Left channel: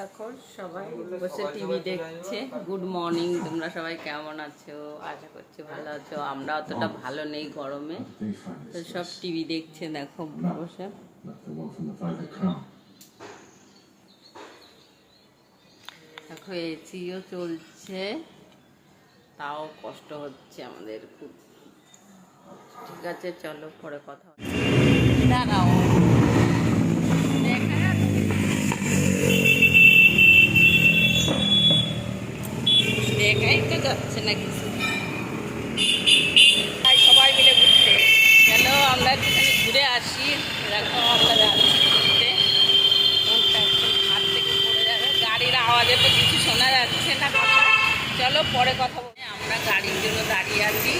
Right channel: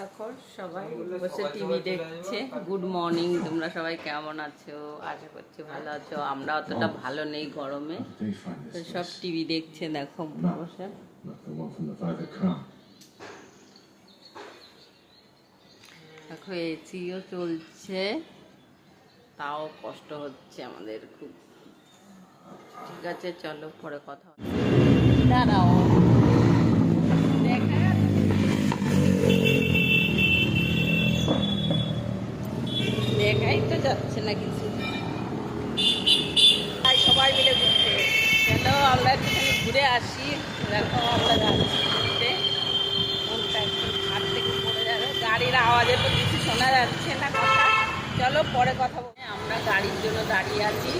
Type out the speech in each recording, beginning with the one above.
দেখো সবাই বসে টিভি দেখছে। গুড মর্নিং, তোমরা সবাই কেমন আছো? আশা করছি ভালো আছো। আমরা অতটা ভালো নেই গরমে, তো সব টিভি দেখছে দেখো বসে। দেখো এসিও চলছে, তাও কষ্ট হচ্ছে আমাদের খুব। ঠিক আছে চলো পরে কথা হচ্ছে। দাঁড়াও, দেখা যাচ্ছে দেখাই তো যাচ্ছে না কিছু। তাই সবাই মিলে ঘুরতে চলো, আমরা একটুখানি ঘুরে আসি। এরকম আমরা যাচ্ছি ঘুরতে, মনটা একদম হাত থেকে পড়ে যাবে। গাড়ির আওয়াজে তো কিছু শোনা যাচ্ছে না কথা। চলো পরে কথা বলি। আমরা গাড়ির জন্য দাঁড়িয়ে আছি,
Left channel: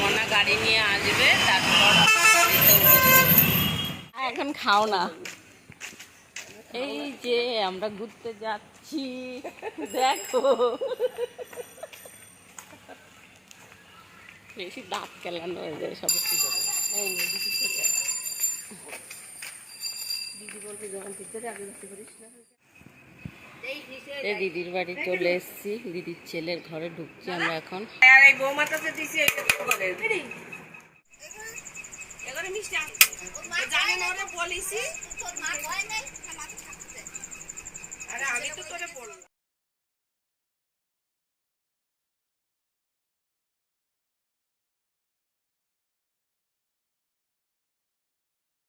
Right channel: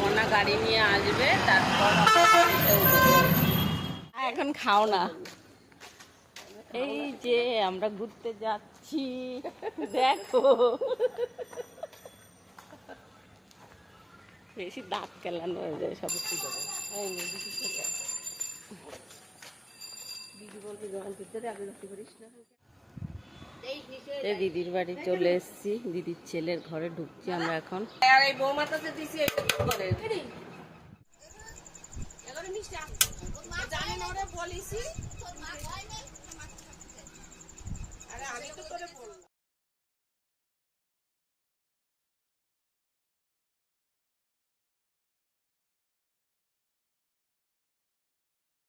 মনা গাড়ি নিয়ে আসবে, তারপর এখন খাও না। এই যে আমরা ঘুরতে যাচ্ছি, দেখো বেশি দাঁত কেলানো হয়ে যায় সব। দিদির বাড়ি চলে এসেছি, দিদির ছেলের ঘরে ঢুকছি আমরা এখন।